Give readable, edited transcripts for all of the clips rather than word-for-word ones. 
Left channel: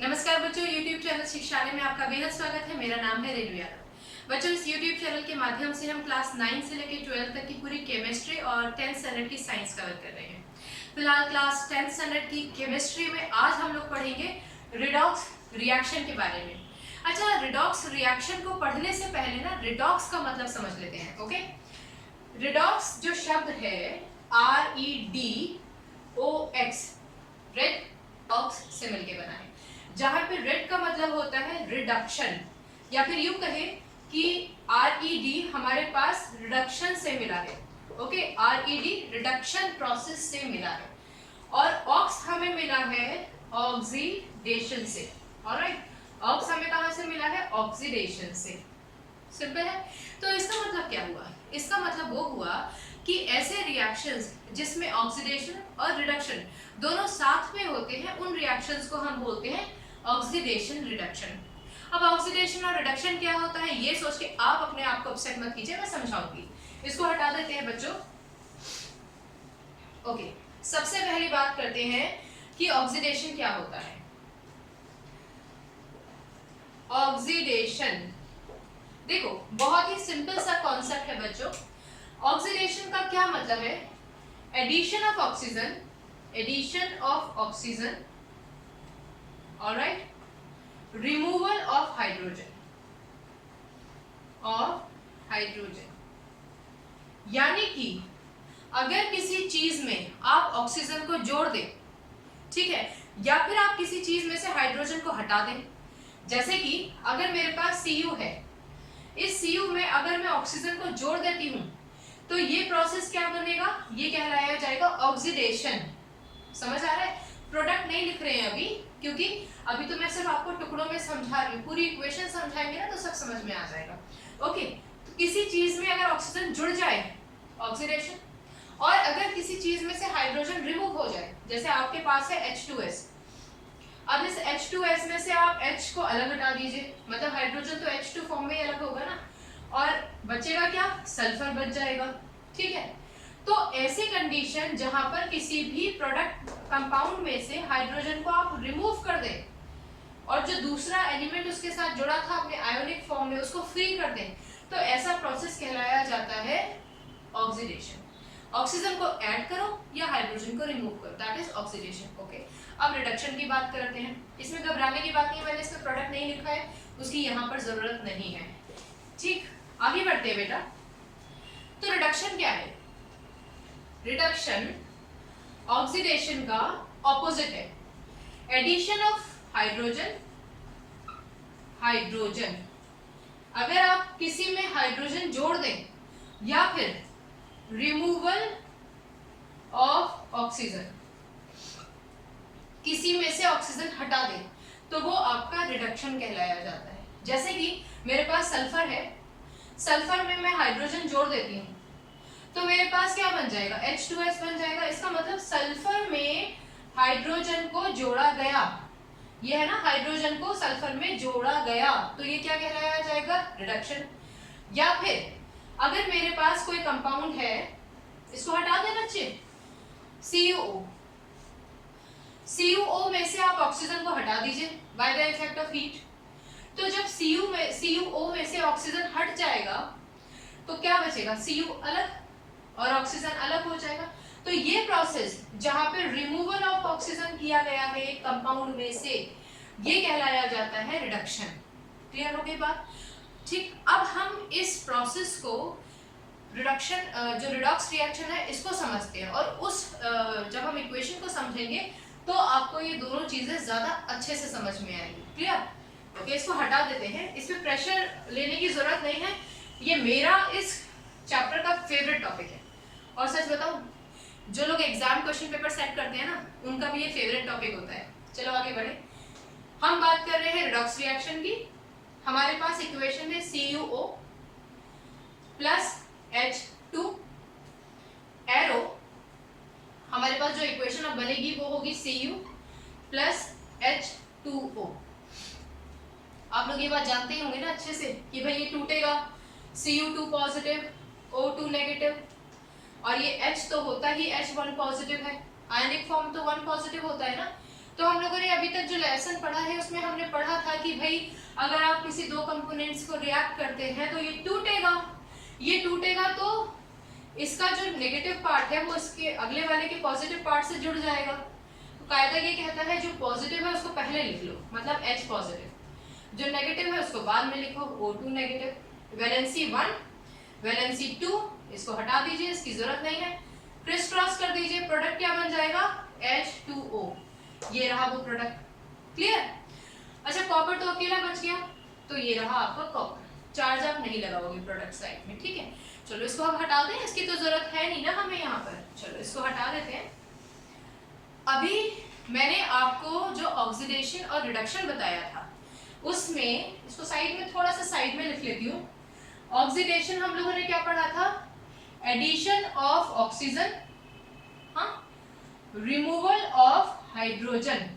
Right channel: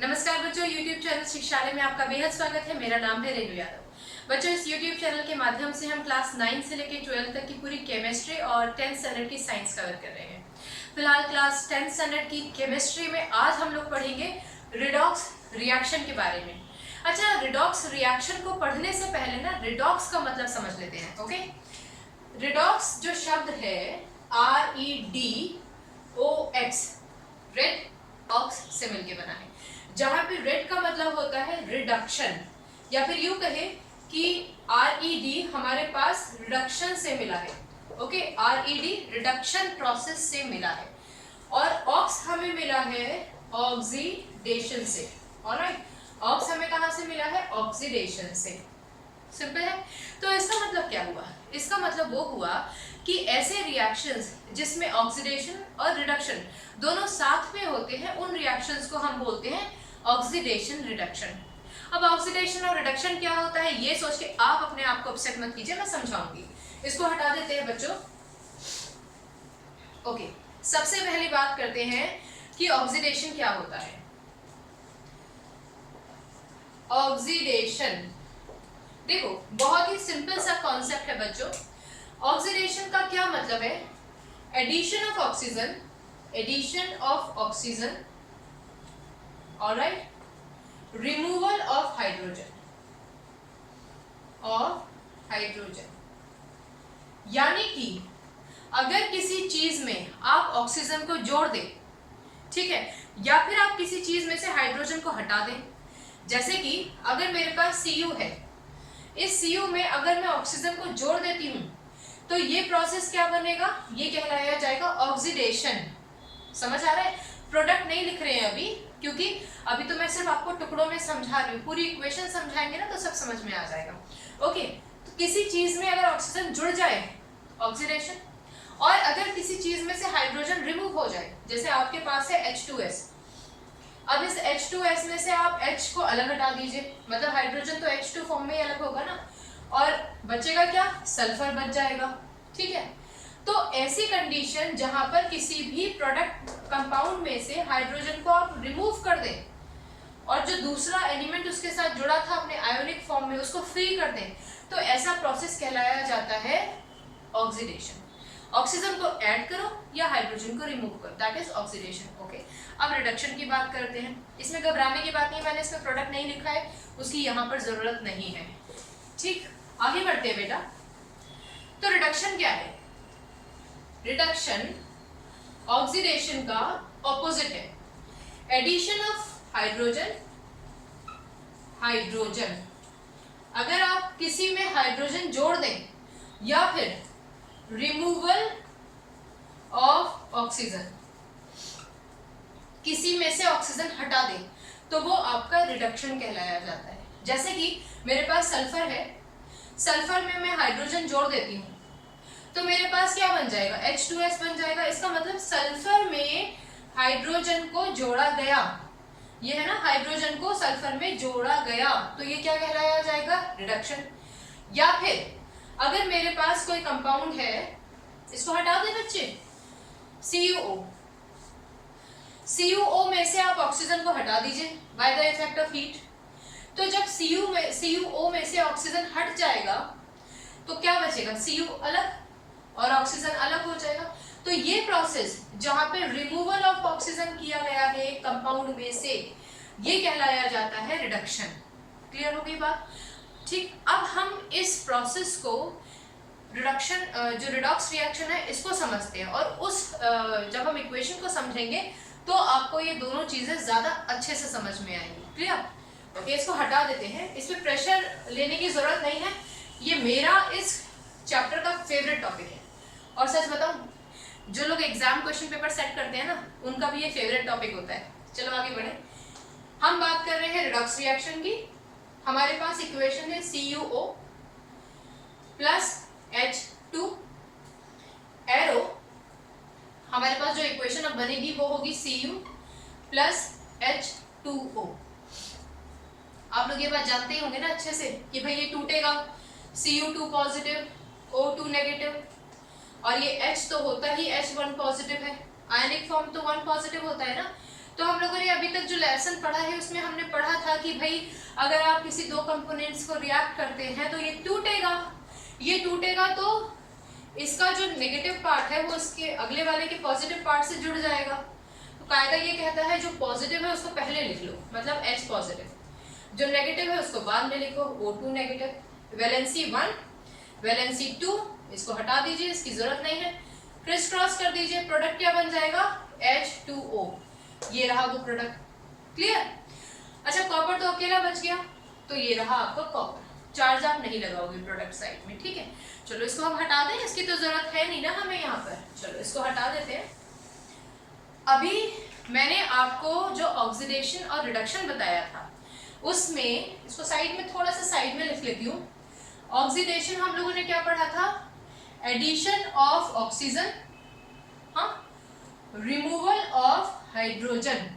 नमस्कार बच्चों, YouTube channel शिक्षालय में आपका बेहद स्वागत है। मेरा नाम है रेणु यादव। बच्चों, इस YouTube चैनल के माध्यम से हम क्लास 9 से लेकर 12 तक की पूरी केमिस्ट्री और 10th स्टैंडर्ड की साइंस कवर कर रहे हैं। फिलहाल क्लास 10th स्टैंडर्ड की केमिस्ट्री में आज हम लोग पढ़ेंगे रिडॉक्स रिएक्शन के बारे में। अच्छा, रिडॉक्स रिएक्शन को पढ़ने से पहले ना रिडॉक्स का मतलब समझ लेते हैं। ओके, रिडॉक्स जो शब्द है REDOX, रेड ऑक्स से मिलके बना है, जहां पे रेड का मतलब होता है रिडक्शन, या फिर यूं कहे कि RED हमारे पास रिडक्शन से मिला है। ओके, RED रिडक्शन प्रोसेस से मिला है, और ऑक्स हमें मिला है ऑक्सीडेशन से। ऑलराइट, ऑक्स हमें कहां से मिला है? ऑक्सीडेशन से। सिंपल है। तो इसका मतलब क्या हुआ? इसका मतलब वो हुआ कि ऐसे रिएक्शंस जिसमें ऑक्सीडेशन और रिडक्शन दोनों साथ में होते हैं, उन रिएक्शंस को हम बोलते हैं ऑक्सीडेशन रिडक्शन। अब ऑक्सीडेशन और रिडक्शन क्या होता है, ये सोच के आप अपने आप को अपसेट मत कीजिए, मैं समझाऊंगी। इसको हटा देते हैं बच्चों। ओके, सबसे पहली बात करते हैं कि ऑक्सीडेशन क्या होता है। ऑक्सीडेशन देखो, बहुत ही सिंपल सा कॉन्सेप्ट है बच्चों। ऑक्सीडेशन का क्या मतलब है? Addition of oxygen, addition of oxygen, alright, removal of hydrogen, यानी कि अगर किसी चीज में आप ऑक्सीजन को जोड़ दें, ठीक है, या फिर आप किसी चीज में से हाइड्रोजन को हटा दें। जैसे कि अगर मेरे पास Cu है, इस Cu में अगर मैं ऑक्सीजन को जोड़ देती हूं तो ये प्रोसेस क्या बनेगा? ये कहलाया जाएगा ऑक्सीडेशन। समझ आ रहा है? प्रोडक्ट नहीं लिख रहे हैं अभी, क्योंकि अभी तो मैं सिर्फ आपको टुकड़ों में समझा रही हूँ। पूरी इक्वेशन समझाएंगे ना तो सब समझ में आ जाएगा। ओके, तो किसी चीज में अगर ऑक्सीजन जुड़ जाए, ऑक्सीडेशन, और अगर किसी चीज में से हाइड्रोजन रिमूव हो जाए, जैसे आपके पास है H2S, अब इस H2S में से आप H को अलग हटा दीजिए, मतलब हाइड्रोजन तो H2 फॉर्म में ही अलग होगा ना, और बचेगा क्या? सल्फर बच जाएगा। ठीक है, तो ऐसी कंडीशन जहां पर किसी भी प्रोडक्ट कंपाउंड में से हाइड्रोजन को आप रिमूव कर दें और जो दूसरा एलिमेंट उसके साथ जुड़ा था अपने आयोनिक फॉर्म में उसको फ्री कर दें, तो ऐसा प्रोसेस कहलाया जाता है ऑक्सीडेशन। ऑक्सीजन को ऐड करो या हाइड्रोजन को रिमूव करो, दैट इज ऑक्सीडेशन। ओके, अब रिडक्शन की बात करते हैं। इसमें घबराने की बात नहीं, मैंने इसमें प्रोडक्ट नहीं लिखा है, उसकी यहाँ पर जरूरत नहीं है। ठीक, आगे बढ़ते हैं बेटा। तो रिडक्शन क्या है? रिडक्शन ऑक्सीडेशन का ऑपोजिट है। एडिशन ऑफ हाइड्रोजन, हाइड्रोजन, अगर आप किसी में हाइड्रोजन जोड़ दें या फिर रिमूवल ऑफ ऑक्सीजन, किसी में से ऑक्सीजन हटा दें, तो वो आपका रिडक्शन कहलाया जाता है। जैसे कि मेरे पास सल्फर है, सल्फर में मैं हाइड्रोजन जोड़ देती हूँ तो मेरे पास क्या बन जाएगा? H2S बन जाएगा। इसका मतलब सल्फर में हाइड्रोजन को जोड़ा गया, ये है ना, हाइड्रोजन को सल्फर में जोड़ा गया, तो ये क्या कहलाया जाएगा? रिडक्शन। या फिर अगर मेरे पास कोई कंपाउंड है, इसको हटा दे बच्चे, CuO, CuO में से आप ऑक्सीजन को हटा दीजिए by the effect of heat, तो जब CuO में से ऑक्सीजन हट जाएगा तो क्या बचेगा? Cu अलग और ऑक्सीजन अलग हो जाएगा। तो ये प्रोसेस जहां पे रिमूवल ऑफ ऑक्सीजन किया गया है एक कंपाउंड में से, ये कहलाया जाता है रिडक्शन। क्लियर हो गई बात? ठीक, अब हम इस प्रोसेस को रिडक्शन, जो रिडॉक्स रिएक्शन है, इसको समझते हैं, और उस जब हम इक्वेशन को समझेंगे तो आपको ये दोनों चीजें ज्यादा अच्छे से समझ में आएंगी। क्लियर? ओके, इसको हटा देते हैं, इसमें प्रेशर लेने की जरूरत नहीं है। ये मेरा इस चैप्टर का फेवरेट टॉपिक है, और सच बताऊं, जो लोग एग्जाम क्वेश्चन पेपर सेट करते हैं ना, उनका भी ये फेवरेट टॉपिक होता है। चलो आगे बढ़े। हम बात कर रहे हैं रिडॉक्स रिएक्शन की। हमारे पास इक्वेशन है CuO प्लस H2, एरो हमारे पास जो इक्वेशन अब बनेगी वो होगी Cu प्लस H2O। आप लोग ये बात जानते ही होंगे ना अच्छे से कि भाई ये टूटेगा, Cu2 पॉजिटिव, O2 नेगेटिव, और ये H तो होता ही H1 पॉजिटिव है, आयनिक फॉर्म तो 1 पॉजिटिव होता है ना, तो हम लोगों ने अभी तक जो लेसन पढ़ा है उसमें हमने पढ़ा था कि भाई अगर आप किसी दो कंपोनेंट्स को रिएक्ट करते हैं तो ये टूटेगा तो इसका जो नेगेटिव पार्ट है वो इसके अगले वाले के पॉजिटिव पार्ट से जुड़ जाएगा। तो कायदा ये कहता है जो पॉजिटिव है उसको पहले लिख लो, मतलब H पॉजिटिव, जो नेगेटिव है उसको बाद में लिखो, O2 नेगेटिव, वैलेंसी 1 वैलेंसी 2, इसको हटा दीजिए, इसकी जरूरत नहीं है, क्रिस क्रॉस कर दीजिए, प्रोडक्ट क्या बन जाएगा H2O, ये रहा वो प्रोडक्ट। क्लियर? अच्छा कॉपर तो अकेला बच गया, तो ये रहा आपका कॉपर, चार्ज आप नहीं लगाओगे प्रोडक्ट साइड में, ठीक है। चलो इसको हम हटा दें, इसकी तो जरूरत है नहीं ना हमें यहाँ पर, चलो इसको हटा देते हैं। अभी मैंने आपको जो ऑक्सीडेशन और रिडक्शन बताया था उसमें, इसको साइड में थोड़ा सा साइड में लिख लेती हूँ। ऑक्सीडेशन हम लोगों ने क्या पढ़ा था, एडिशन ऑफ ऑक्सीजन, हाँ, रिमूवल ऑफ हाइड्रोजन,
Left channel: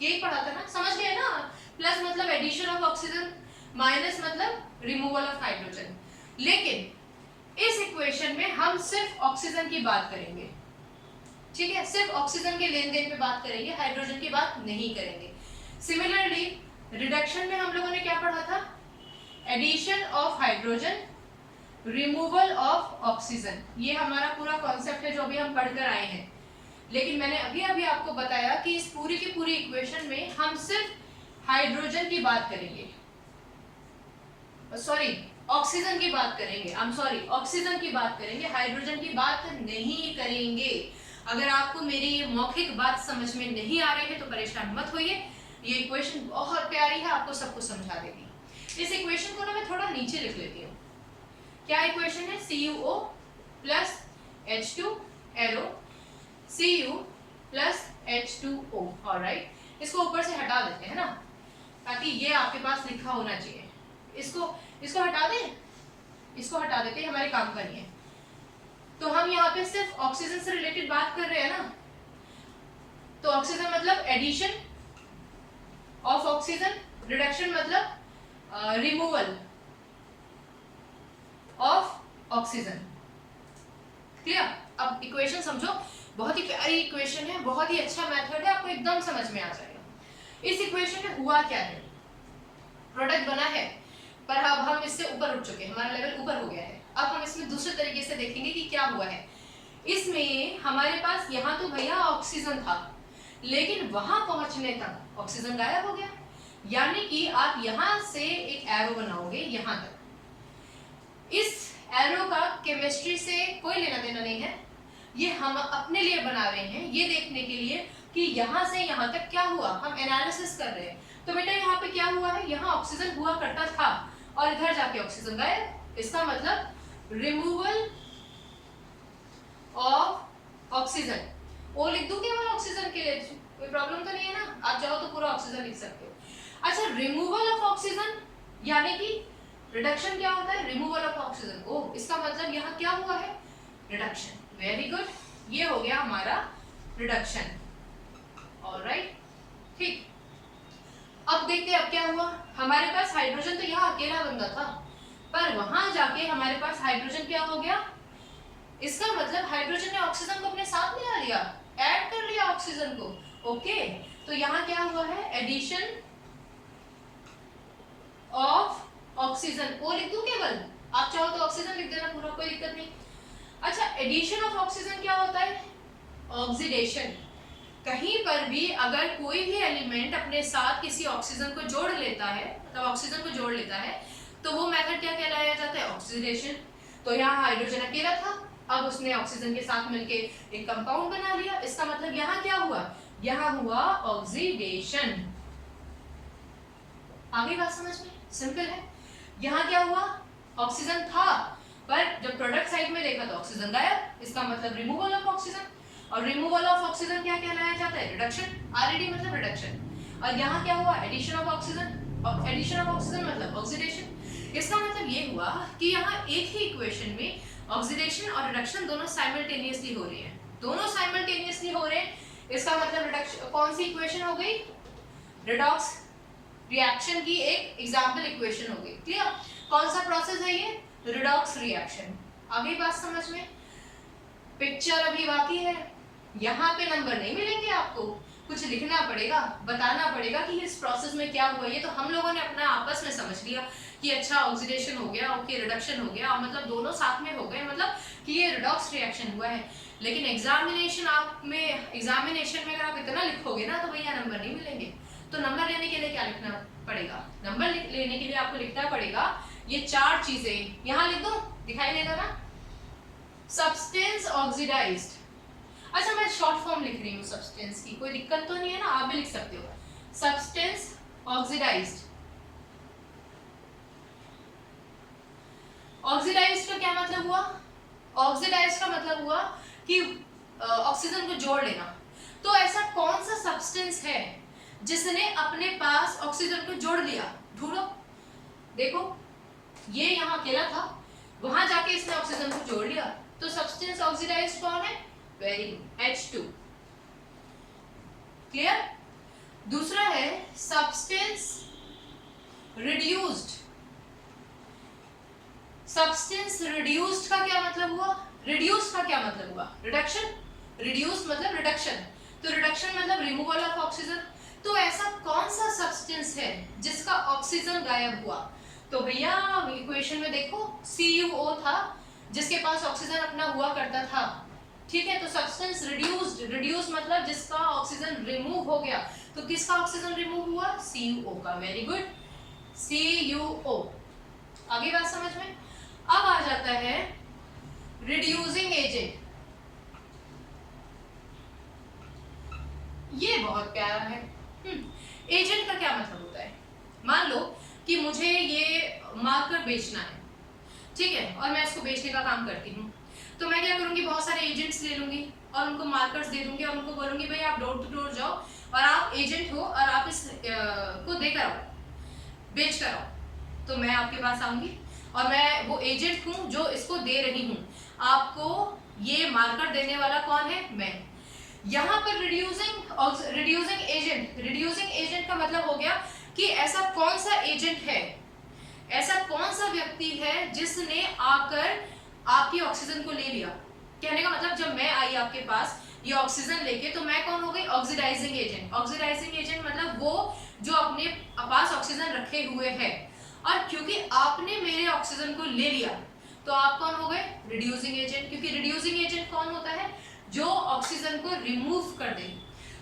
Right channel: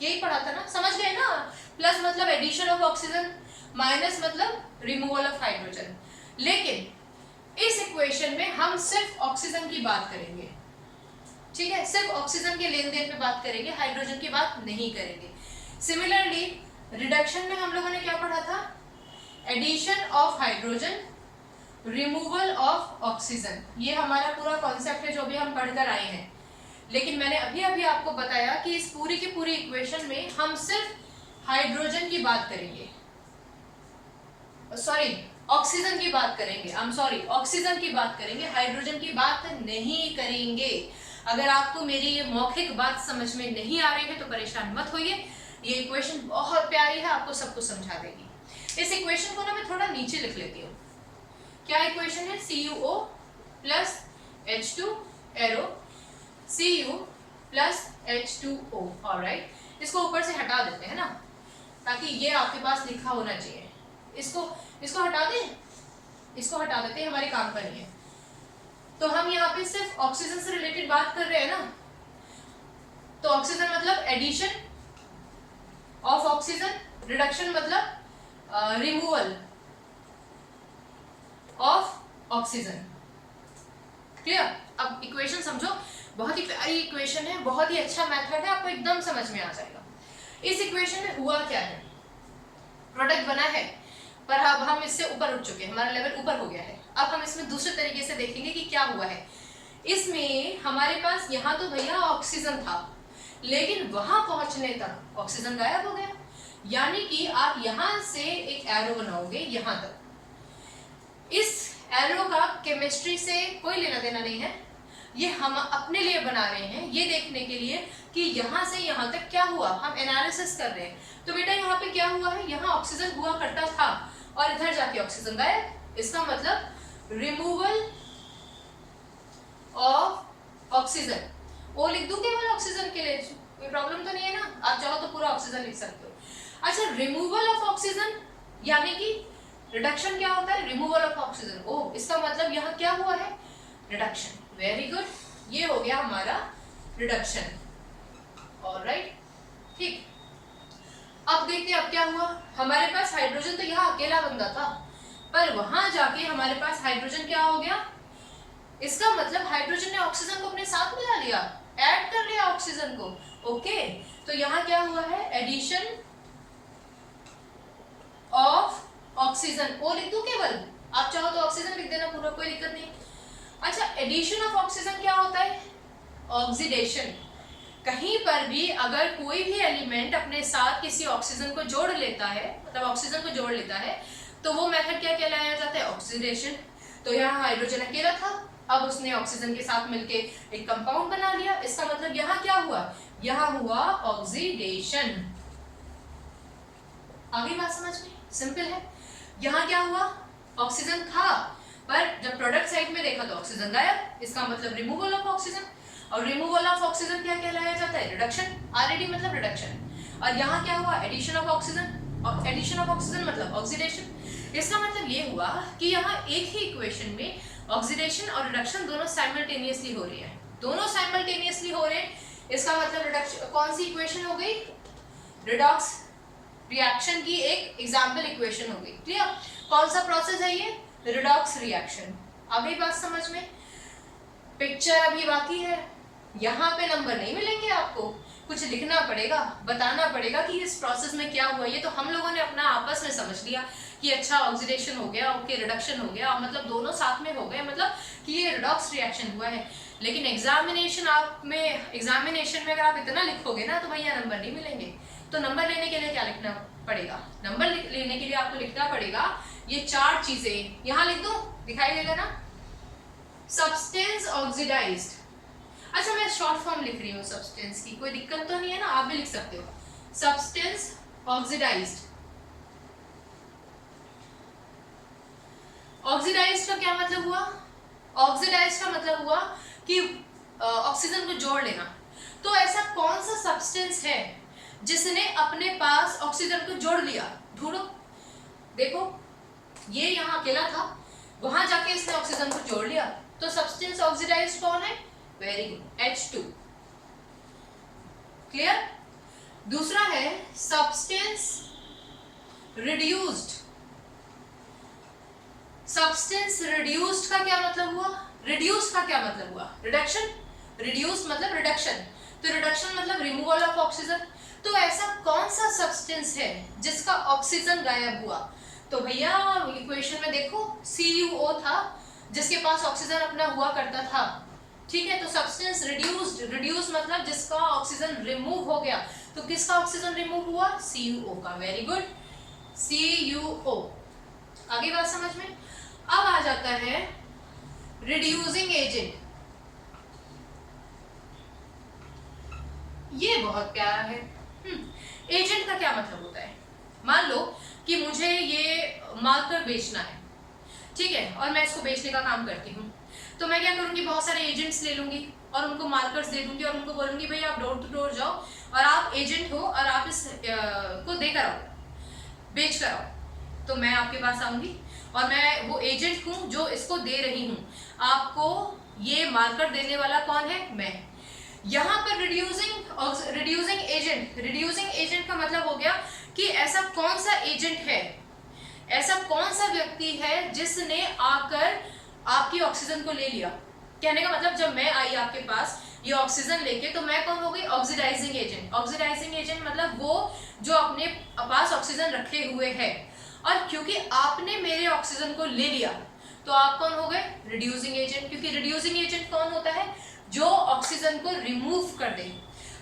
यही पढ़ा था ना, समझ गए ना। प्लस मतलब एडिशन ऑफ ऑक्सीजन, माइनस मतलब रिमूवल ऑफ हाइड्रोजन। लेकिन इस इक्वेशन में हम सिर्फ ऑक्सीजन की बात करेंगे, ठीक है, सिर्फ ऑक्सीजन के लेन देन पे बात करेंगे, हाइड्रोजन की बात नहीं करेंगे। सिमिलरली रिडक्शन में हम लोगों ने क्या पढ़ा था, addition of hydrogen, removal of oxygen, ये हमारा पूरा कॉन्सेप्ट है जो अभी हम पढ़कर आए हैं। लेकिन मैंने अभी आपको बताया कि इस पूरी की पूरी इक्वेशन में हम सिर्फ हाइड्रोजन की बात करेंगे, सॉरी ऑक्सीजन की बात करेंगे, ऑक्सीजन की बात करेंगे, हाइड्रोजन की बात नहीं करेंगे। अगर आपको मेरी ये मौखिक बात समझ में नहीं आ रही है तो परेशान मत होइए, ये इक्वेशन बहुत प्यारी है, आपको सब कुछ समझा देगी। इस इक्वेशन को ना मैं थोड़ा नीचे लिख लेती हूँ। क्या इक्वेशन है, CuO plus H2 arrow Cu plus H2O, alright. इसको ऊपर से हटा देते हैं ना, ताकि ये आपके पास लिखा होना चाहिए। इसको हटा दें, इसको हटा देते हैं, हमारे काम का नहीं है। तो हम यहाँ पे सिर्फ ऑक्सीजन से रिलेटेड बात कर रहे हैं ना, तो ऑक्सीजन मतलब एडिशन ऑफ ऑक्सीजन, रिडक्शन मतलब रिमूवल ऑफ ऑक्सीजन। क्लियर? अब इक्वेशन समझो, बहुत ही प्यारी इक्वेशन है, बहुत ही अच्छा मेथड है, आपको एकदम समझ में आ जाएगा। इस इक्वेशन में हुआ क्या है, प्रोडक्ट बना है, पर अब हम इससे ऊपर उठ चुके हैं, हमारा लेवल ऊपर हो गया है। अब हम इसमें दूसरे तरीके से देखेंगे कि क्या हुआ है। इसमें हमारे पास यहाँ तो भैया ऑक्सीजन था, लेकिन वहां पहुंचने तक ऑक्सीजन गायब हो गया। यानी कि आप यहाँ से एक एरो बनाओगे यहाँ तक। इस एरो का केमिस्ट्री से कोई लेना देना नहीं है, ये हम अपने लिए बना रहे हैं, ये देखने के लिए कि यहाँ से यहाँ तक क्या हुआ, हम एनालिसिस कर रहे हैं। तो बेटा यहाँ पे क्या हुआ है, यहाँ ऑक्सीजन हुआ करता था और इधर जाके ऑक्सीजन गायब, इसका मतलब रिमूवल ऑफ ऑक्सीजन। ओ लिख दूं केवल ऑक्सीजन के लिए, कोई प्रॉब्लम तो नहीं है ना, आप चाहो तो पूरा ऑक्सीजन लिख सकते हो। अच्छा, रिमूवल ऑफ ऑक्सीजन यानी कि रिडक्शन क्या होता है, रिमूवल ऑफ ऑक्सीजन। ओ, इसका मतलब यहाँ क्या हुआ है, रिडक्शन। वेरी गुड, ये हो गया हमारा रिडक्शन। ऑलराइट, ठीक। अब देखते हैं अब क्या हुआ। हमारे पास हाइड्रोजन तो यहाँ अकेला बंदा था, पर वहां जाके हमारे पास हाइड्रोजन क्या हो गया, इसका मतलब हाइड्रोजन ने ऑक्सीजन को अपने साथ मिला लिया, ऐड कर लिया ऑक्सीजन को। ओके, तो यहाँ क्या हुआ है, एडिशन ऑफ ऑक्सीजन। ओ लिख दूं केवल, आप चाहो तो ऑक्सीजन लिख देना पूरा, कोई दिक्कत नहीं। अच्छा, एडिशन ऑफ ऑक्सीजन क्या होता है, ऑक्सीडेशन। कहीं पर भी अगर कोई भी एलिमेंट अपने साथ किसी ऑक्सीजन को जोड़ लेता है, मतलब ऑक्सीजन को जोड़ लेता है, तो वो मेथड क्या कहलाया जाता है, ऑक्सीडेशन। तो यहाँ हाइड्रोजन अकेला था, अब उसने ऑक्सीजन के साथ मिलके एक कंपाउंड बना लिया, इसका मतलब यहाँ क्या हुआ, यहाँ हुआ ऑक्सीडेशन। आगे बात समझ में, सिंपल है। यहाँ क्या हुआ, ऑक्सीजन था, पर जब प्रोडक्ट साइड में देखा तो ऑक्सीजन गायब, इसका मतलब रिमूवल ऑफ ऑक्सीजन। और रिमूवल ऑफ ऑक्सीजन क्या कहलाया जाता है, रिडक्शन। आरएडी मतलब रिडक्शन। और यहाँ क्या हुआ, addition of oxygen. Addition of oxygen मतलब ऑक्सीडेशन। इसका मतलब ये हुआ कि यहाँ एक ही इक्वेशन में ऑक्सीडेशन और रिडक्शन दोनों साइमल्टेनियसली हो रही है, दोनों साइमल्टेनियसली हो रहे हैं। इसका मतलब रिडक्शन, कौन सी इक्वेशन हो गई, रिडॉक्स रिएक्शन की एक एग्जाम्पल इक्वेशन हो गई। क्लियर? कौन सा प्रोसेस है ये, रिडॉक्स रिएक्शन। अभी बात समझ में, पिक्चर अभी बाकी है, यहाँ पे नंबर नहीं मिलेंगे आपको, कुछ कुछ लिखना पड़ेगा, बताना पड़ेगा कि इस प्रोसेस में क्या हुआ। ये तो हम लोगों ने अपना आपस में समझ लिया कि अच्छा ऑक्सीडेशन हो गया, ओके रिडक्शन हो गया, मतलब दोनों साथ में हो गए, मतलब कि ये रिडॉक्स रिएक्शन हुआ है। लेकिन एग्जामिनेशन में अगर आप इतना लिखोगे ना तो भैया नंबर नहीं मिलेंगे। तो नंबर लेने के लिए क्या लिखना पड़ेगा? नंबर लेने के लिए आपको लिखना पड़ेगा ये 4 चीजें। यहाँ लिख दूं, दिखाई देगा ना? Substance oxidised. अच्छा, मैं शॉर्ट फॉर्म लिख रही हूँ सब्सटेंस की, कोई दिक्कत तो नहीं है ना? आप भी लिख सकते हो सब्सटेंस ऑक्सीडाइज्ड। ऑक्सीडाइज्ड का क्या मतलब हुआ? ऑक्सीडाइज्ड का मतलब हुआ कि ऑक्सीजन को जोड़ लेना। तो ऐसा कौन सा सब्सटेंस है जिसने अपने पास ऑक्सीजन को जोड़ लिया? ढूंढो। देखो, ये यहाँ अकेला था, वहां जाके इसने ऑक्सीजन को जोड़ लिया, तो सब्सटेंस ऑक्सीडाइज्ड कौन है? Very good, H2। क्लियर? दूसरा है सब्सटेंस रिड्यूस्ड। सब्सटेंस रिड्यूस्ड का क्या मतलब हुआ? रिड्यूस्ड का क्या मतलब हुआ? रिडक्शन। रिड्यूस्ड मतलब रिडक्शन, तो रिडक्शन मतलब रिमूवल ऑफ ऑक्सीजन। तो ऐसा कौन सा सब्सटेंस है जिसका ऑक्सीजन गायब हुआ? तो भैया इक्वेशन में देखो CuO था जिसके पास ऑक्सीजन अपना हुआ करता था, ठीक है? तो सब्सटेंस रिड्यूस्ड, रिड्यूस मतलब जिसका ऑक्सीजन रिमूव हो गया। तो किसका ऑक्सीजन रिमूव हुआ? CuO का। Very good, CuO। आगे बात समझ में? अब आ जाता है रिड्यूसिंग एजेंट। ये बहुत प्यारा है। एजेंट का क्या मतलब होता है? मान लो कि मुझे ये मार्कर बेचना है, ठीक है, और मैं इसको बेचने का काम करती हूँ, तो मैं क्या करूँगी? बहुत सारे एजेंट्स ले लूंगी और उनको मार्कर्स दे दूंगी और उनको बोलूंगी भाई आप डोर टू डोर जाओ और आप एजेंट हो और आप इस को देकर आओ, बेच कर आओ। तो मैं आपके पास आऊंगी और मैं वो एजेंट हूँ जो इसको दे रही हूँ। आपको ये मार्कर देने वाला कौन है? मैं। यहाँ पर रिड्यूसिंग एजेंट का मतलब हो गया कि ऐसा कौन सा एजेंट है, ऐसा कौन सा व्यक्ति है जिसने आकर आपकी ऑक्सीजन को ले लिया। कहने का मतलब जब मैं आई आपके पास ये ऑक्सीजन लेके, तो मैं कौन हो गई? Oxidising agent. ऑक्सीडाइजिंग एजेंट मतलब वो जो अपने पास ऑक्सीजन रखे हुए है, और क्योंकि आपने मेरे ऑक्सीजन को ले लिया तो आप कौन हो गए? Reducing agent. क्योंकि रिड्यूसिंग एजेंट कौन होता है? जो ऑक्सीजन को रिमूव कर दे।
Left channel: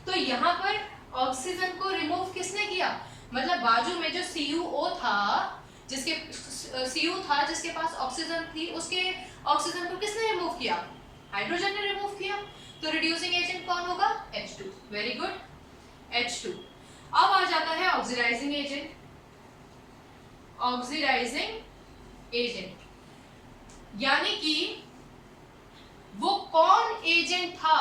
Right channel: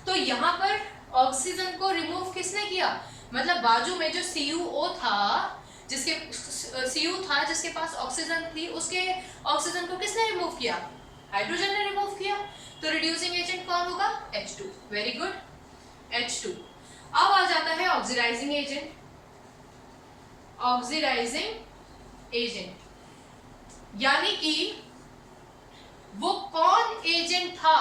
तो यहाँ पर ऑक्सीजन को रिमूव किसने किया? मतलब बाजू में जो CuO था, जिसके पास ऑक्सीजन थी, उसके ऑक्सीजन को किसने रिमूव किया? हाइड्रोजन ने रिमूव किया। तो रिड्यूसिंग एजेंट कौन होगा? H2। Very good, H2। अब आ जाता है ऑक्सीडाइजिंग एजेंट। ऑक्सीडाइजिंग एजेंट यानी कि वो कौन एजेंट था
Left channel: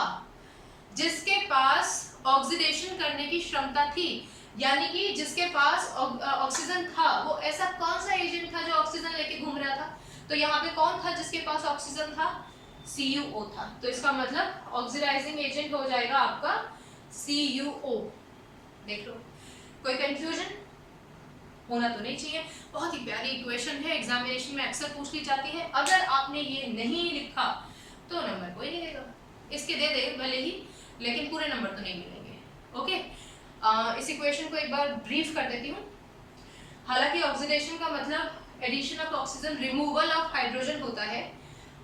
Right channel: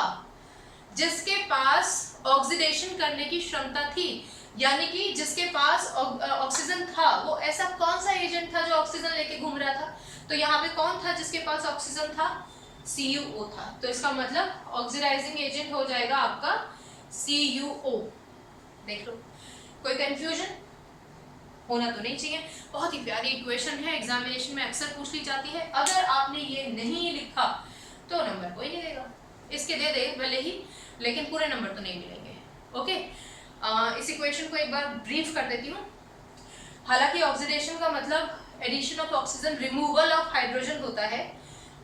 जिसके पास ऑक्सीडेशन करने की क्षमता थी, यानी कि जिसके पास ऑक्सीजन था। वो ऐसा कौन सा एजेंट था जो ऑक्सीजन लेके घूम रहा था? तो यहाँ पे कौन था जिसके पास ऑक्सीजन था? CuO था। तो इसका मतलब ऑक्सीडाइजिंग एजेंट हो जाएगा आपका CuO। देख लो, कोई कंफ्यूजन होना तो नहीं चाहिए। बहुत ही प्यारी इक्वेशन है, एग्जामिनेशन में अक्सर पूछ ली जाती है। अगर आपने ये नहीं लिखा तो नंबर कोई नहीं देगा, इसके दे भले ही, लेकिन पूरे नंबर तो नहीं मिलेंगे। ओके, इस इक्वेशन को एक बार ब्रीफ कर देती हूँ। हालांकि ऑक्सीडेशन का मतलब addition of oxygen, removal of hydrogen होता है।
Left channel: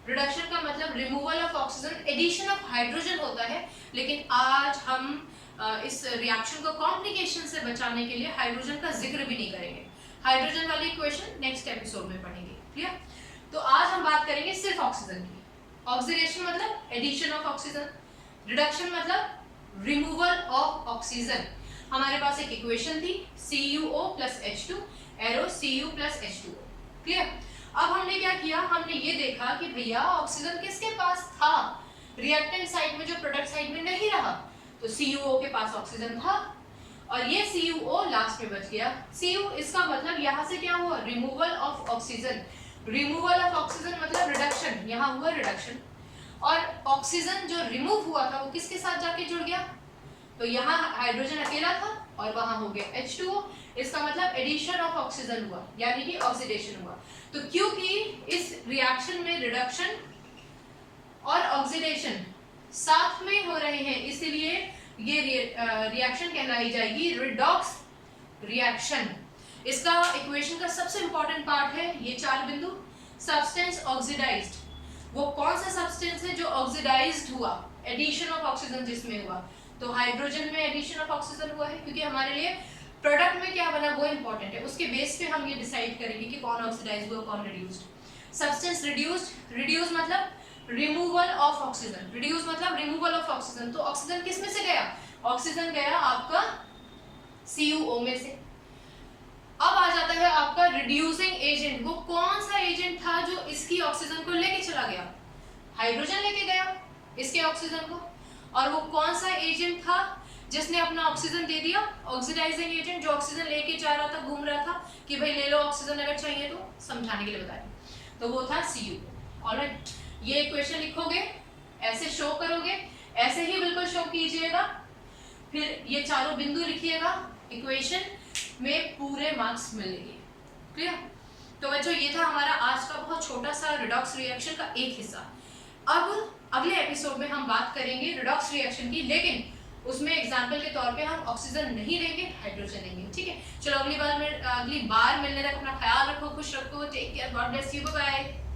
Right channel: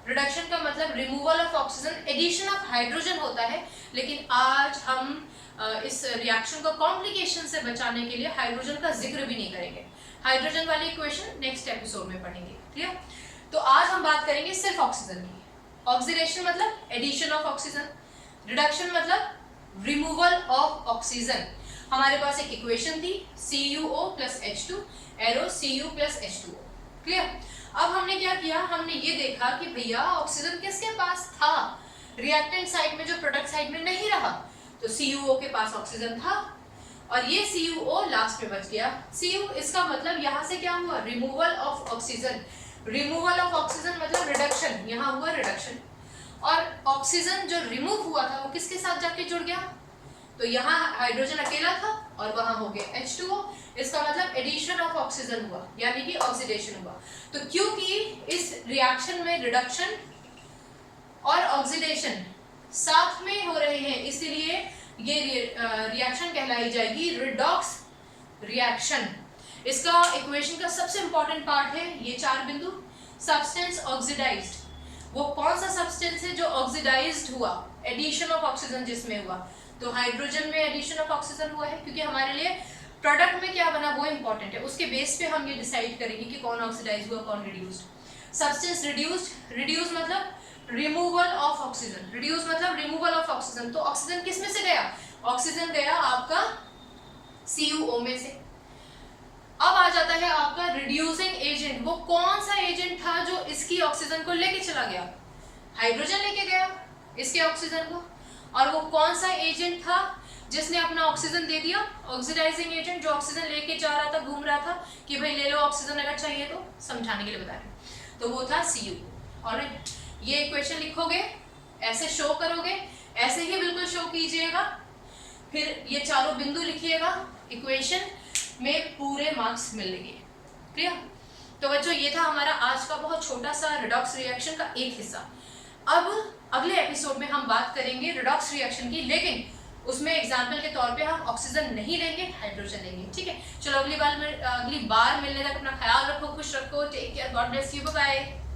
रिडक्शन का मतलब removal of oxygen, addition of hydrogen होता है। लेकिन आज हम इस रिएक्शन को कॉम्प्लिकेशन से बचाने के लिए हाइड्रोजन का जिक्र भी नहीं करेंगे। हाइड्रोजन वाली इक्वेशन नेक्स्ट एपिसोड में पढ़ेंगे। क्लियर? तो आज हम बात करेंगे सिर्फ ऑक्सीजन की। ऑक्सीडेशन मतलब एडिशन ऑफ ऑक्सीजन, रिडक्शन मतलब रिमूवल ऑफ ऑक्सीजन। हमारे पास एक इक्वेशन थी CuO + H2, arrow Cu + H2O। Clear? अब हमने क्या किया? हमने ये देखा कि भैया ऑक्सीजन किसके पास था? रिएक्टेंट साइड में, जो प्रोडक्ट साइड में नहीं रहा। तो CuO के पास ऑक्सीजन था और ये CuO लास्ट में बच गया। Cu इसका मतलब यहाँ से क्या हुआ? Removal of oxygen. Removal of oxygen मतलब रिडक्शन, यहाँ हुआ रिडक्शन। और ऑक्सीजन जो रिमूव हुआ था वो किसके साथ जाके जुड़ गया? तो यहाँ हाइड्रोजन अकेला था और वहां हो गया H2O। इसका मतलब एडिशन ऑफ ऑक्सीजन हुआ, यानी कि ऑक्सीडेशन हुआ। तो क्योंकि इस रिएक्शन में रिडक्शन और ऑक्सीडेशन साथ में हो रहे हैं, इसलिए ये रिएक्शन कहलाई जाएगी रिडॉक्स रिएक्शन। इसका इक्वेशन का सबसे इंपॉर्टेंट पार्ट है ये 4 बिंदु। सब्सटेंस ऑक्सीडाइज्ड, वो कौन सा सब्सटेंस है जो ऑक्सीडाइज्ड हुआ, एडिशन ऑफ ऑक्सीजन जिसमें हुआ, तो हाइड्रोजन में एडिशन ऑफ ऑक्सीजन हुआ है, क्योंकि हमारे लिए प्रोडक्ट में क्या बना वो इंपॉर्टेंट है। उसके बेस पे हम ये डिसाइड करेंगे कि कौन ऑक्सीडाइज हुआ कौन रिड्यूस्ड। सब्सटेंस रिड्यूस्ड, रिड्यूस मतलब रिमूवल ऑफ ऑक्सीजन, रिड्यूस मतलब रिमूवल ऑफ ऑक्सीजन। तो ऑक्सीजन किस में से गया, ऑक्सीजन गया आपका CuO में से। अब आ जाता है आपका रिड्यूसिंग एजेंट, वो कौन सा एजेंट था जो इसकी ऑक्सीजन को लेके चला गया, हाइड्रोजन लेके गया इसके ऑक्सीजन को। और वो कौन सा एजेंट था जिसने अपना ऑक्सीजन दे दिया, ऑक्सीडाइजिंग एजेंट, जो ऑक्सीजन लेके जा रहा था, घूम रहा था कि भाई ले लो ऑक्सीजन अगर चाहिए तो, समझाने के लिए बता रहे, तो वो था CuO। ऑलराइट, ये इक्वेशन लिखोगे, ऐसे शो करोगे, ऐसे ही बिल्कुल शो कीजिएगा, फिर ये चारों बिंदु लिखिएगा, इक्वेशन में पूरे मार्क्स मिलेंगे। क्लियर? तो बच्चों ये था हमारा आज का बहुत छोटा सा रिडॉक्स रिएक्शन का एक हिस्सा। अब अगले एपिसोड में हम बात करेंगे रिडॉक्स रिएक्शन की, लेकिन उसमें एग्जाम्पल के तौर पे हम ऑक्सीजन नहीं लेंगे, हाइड्रोजन लेंगे। ठीक है, चलो अगली बार मिलने तक अपना ख्याल रखो, खुश रखो, take care, God bless you, bye bye.